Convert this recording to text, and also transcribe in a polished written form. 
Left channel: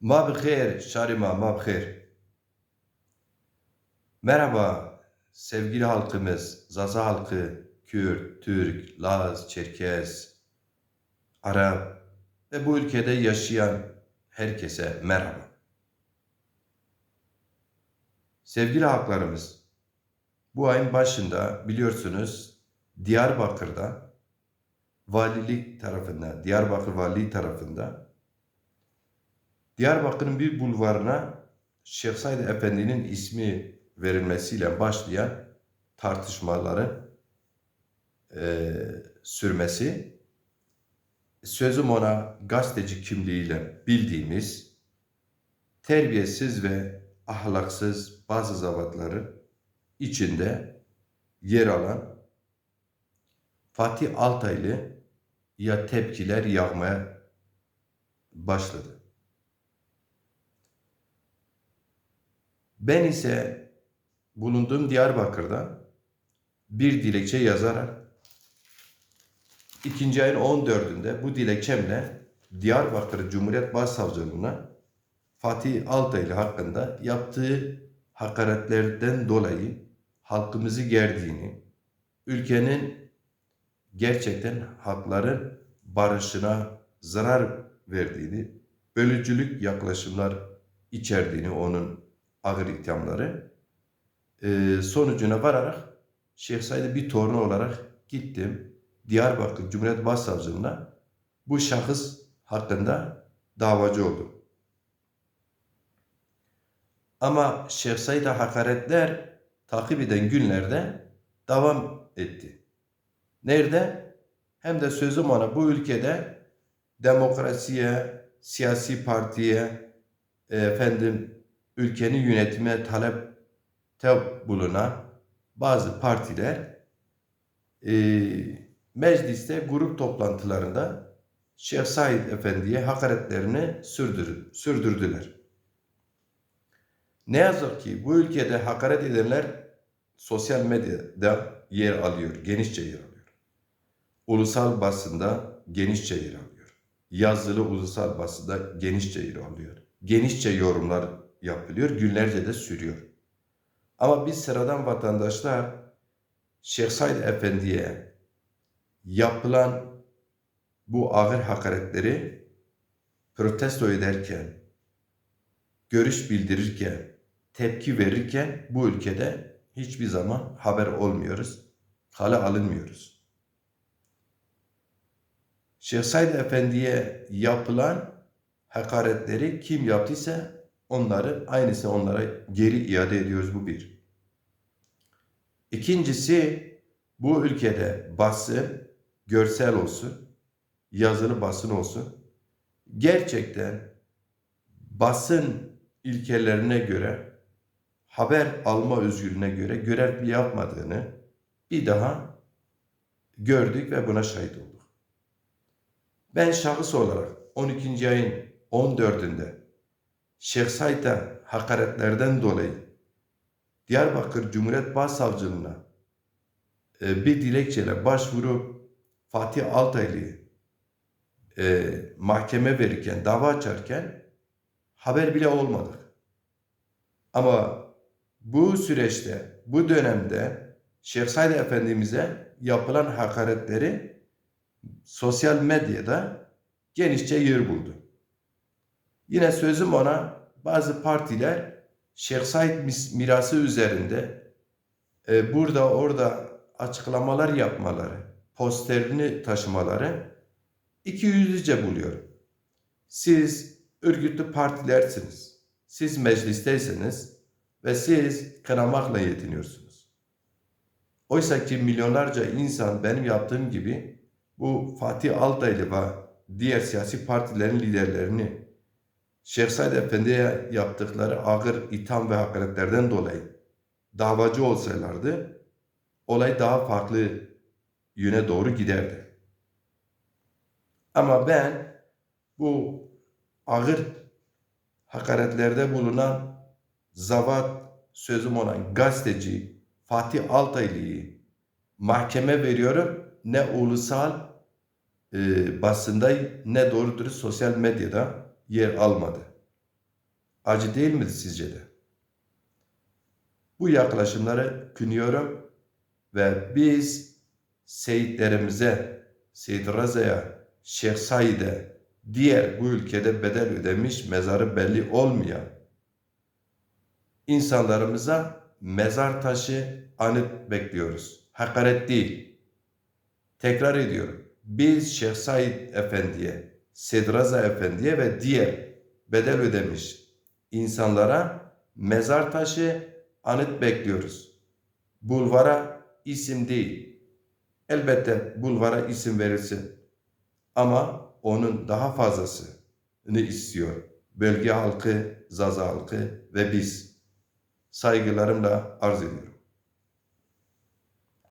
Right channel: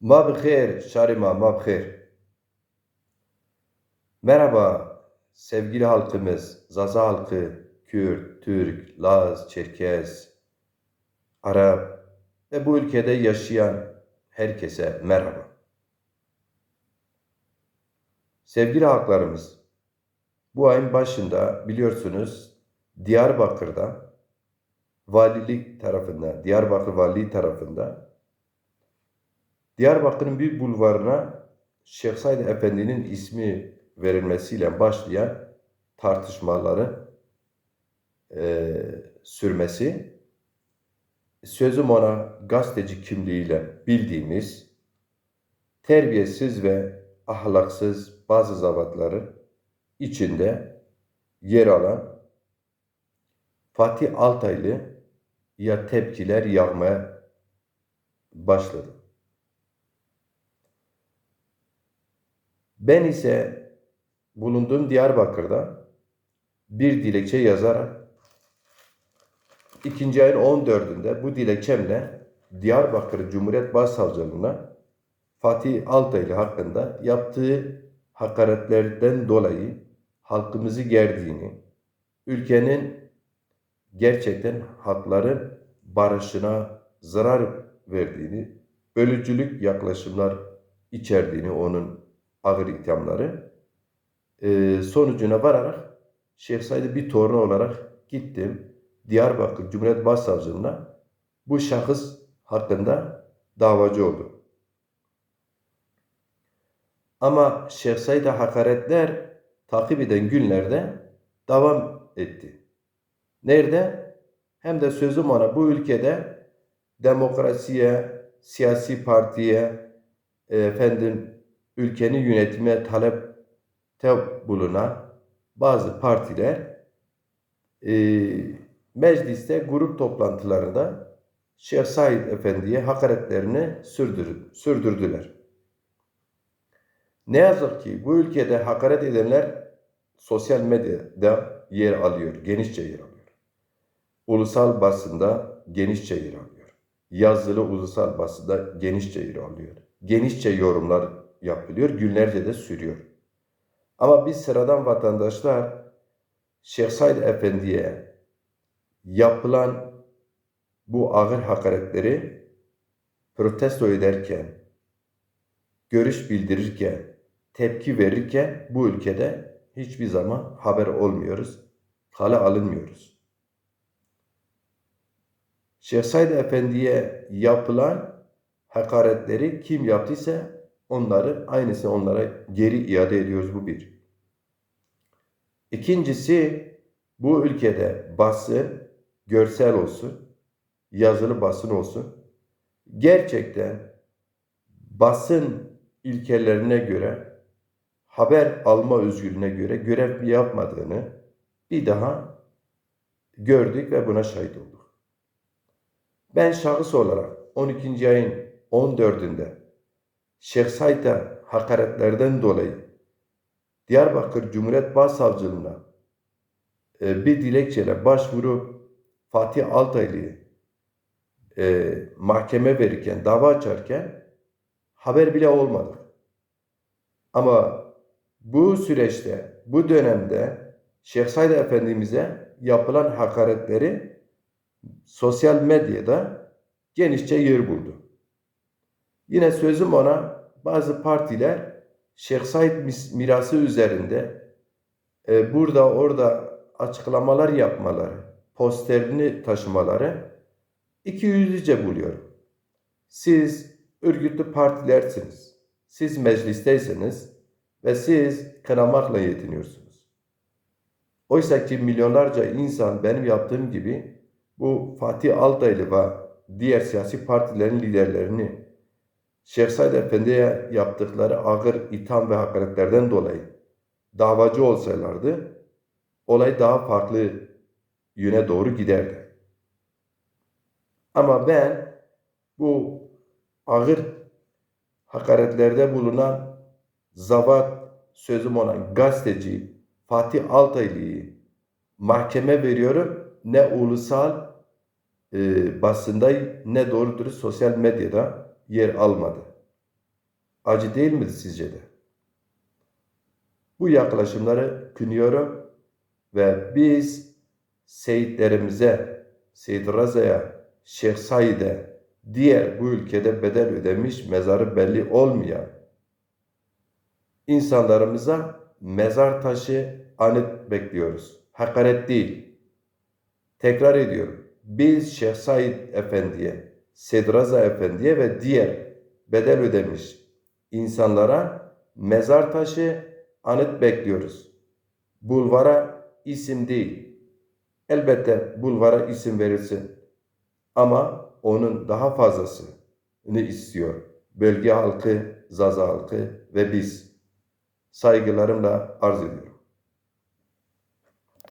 Ma bixeyr, Şarima, ma bixeyr. Merhaba sevgili halkımız, Zaza halkı, Kürt, Türk, Laz, Çerkez, Arap ve bu ülkede yaşayan herkese merhaba. Sevgili halklarımız, bu ayın başında biliyorsunuz Diyarbakır'da valilik tarafından, Diyarbakır Valiliği tarafında Diyarbakır'ın bir bulvarına Şeyh Said Efendi'nin ismi verilmesiyle başlayan tartışmaları sürmesi, sözüm ona gazeteci kimliğiyle bildiğimiz terbiyesiz ve ahlaksız bazı zavatların içinde yer alan Fatih Altaylı ya tepkiler yağmaya başladı. Ben ise bulunduğum Diyarbakır'da bir dilekçe yazarak 2. ayın 14'ünde bu dilekçemle Diyarbakır Cumhuriyet Başsavcılığına Fatih Altaylı hakkında yaptığı hakaretlerden dolayı halkımızı gerdiğini, ülkenin gerçekten halkların barışına zarar verdiğini, bölücülük yaklaşımlar içerdiğini onun ağır ithamları sonucuna vararak Şeyh Said'in bir torunu olarak gittim. Diyarbakır Cumhuriyet Başsavcılığına bu şahıs hakkında davacı oldum. Ama Şeyh Said'e hakaretler takip eden günlerde devam etti. Nerede? Hem de sözüm ona bu ülkede demokrasiye, siyasi partiye, ülkenin yönetimine talepte bulunan bazı partiler mecliste grup toplantılarında Şeyh Said Efendi'ye hakaretlerini sürdürdüler. Ne yazık ki bu ülkede hakaret edenler sosyal medyada yer alıyor, genişçe yer alıyor. Ulusal basında genişçe yer alıyor. Yazılı ulusal basında genişçe yer alıyor. Genişçe yorumlar yapılıyor, günlerce de sürüyor. Ama biz sıradan vatandaşlar Şeyh Said Efendi'ye yapılan bu ağır hakaretleri protesto ederken, görüş bildirirken, tepki verirken bu ülkede hiçbir zaman haber olmuyoruz, kale alınmıyoruz. Şeyh Said Efendi'ye yapılan hakaretleri kim yaptıysa aynısını onlara geri iade ediyoruz, bu bir. İkincisi, bu ülkede basın, görsel olsun, yazılı basın olsun, gerçekten basın ilkelerine göre, haber alma özgürlüğüne göre görev yapmadığını bir daha gördük ve buna şahit olduk. Ben şahıs olarak 12. ayın 14'ünde Şeyh Said'e hakaretlerden dolayı Diyarbakır Cumhuriyet Başsavcılığına bir dilekçeyle başvurup Fatih Altaylı'yı mahkeme verirken, dava açarken haber bile olmadık. Ama bu süreçte, bu dönemde Şeyh Said Efendimiz'e yapılan hakaretleri sosyal medyada genişçe yer buldu. Yine sözüm ona, bazı partiler Şeyh Said mirası üzerinde burada orada açıklamalar yapmaları, posterini taşımaları ikiyüzlüce buluyorum. Siz örgütlü partilersiniz. Siz meclisteyseniz ve siz kınamakla yetiniyorsunuz. Oysa ki milyonlarca insan benim yaptığım gibi bu Fatih Altaylı ve diğer siyasi partilerin liderlerini Şeyh Said Efendi'ye yaptıkları ağır itham ve hakaretlerden dolayı davacı olsalardı olay daha farklı yöne doğru giderdi. Ama ben bu ağır hakaretlerde bulunan zavat, sözüm olan gazeteci Fatih Altaylı'yı mahkeme veriyorum. Ne ulusal basında ne doğru dürüst sosyal medyada yer almadı. Acı değil midir sizce de? Bu yaklaşımları kınıyorum ve biz seyitlerimize, Seyyid Raza'ya, Şeyh Said'e, diğer bu ülkede bedel ödemiş, mezarı belli olmayan insanlarımıza mezar taşı anıt bekliyoruz. Hakaret değil. Tekrar ediyorum. Biz Şeyh Said Efendi'ye, Seyyid Raza Efendi'ye ve diğer bedel ödemiş insanlara mezar taşı anıt bekliyoruz. Bulvara isim değil. Elbette bulvara isim verilsin. Ama onun daha fazlasını istiyor. Bölge halkı, Zaza halkı ve biz. Saygılarımla arz ediyorum.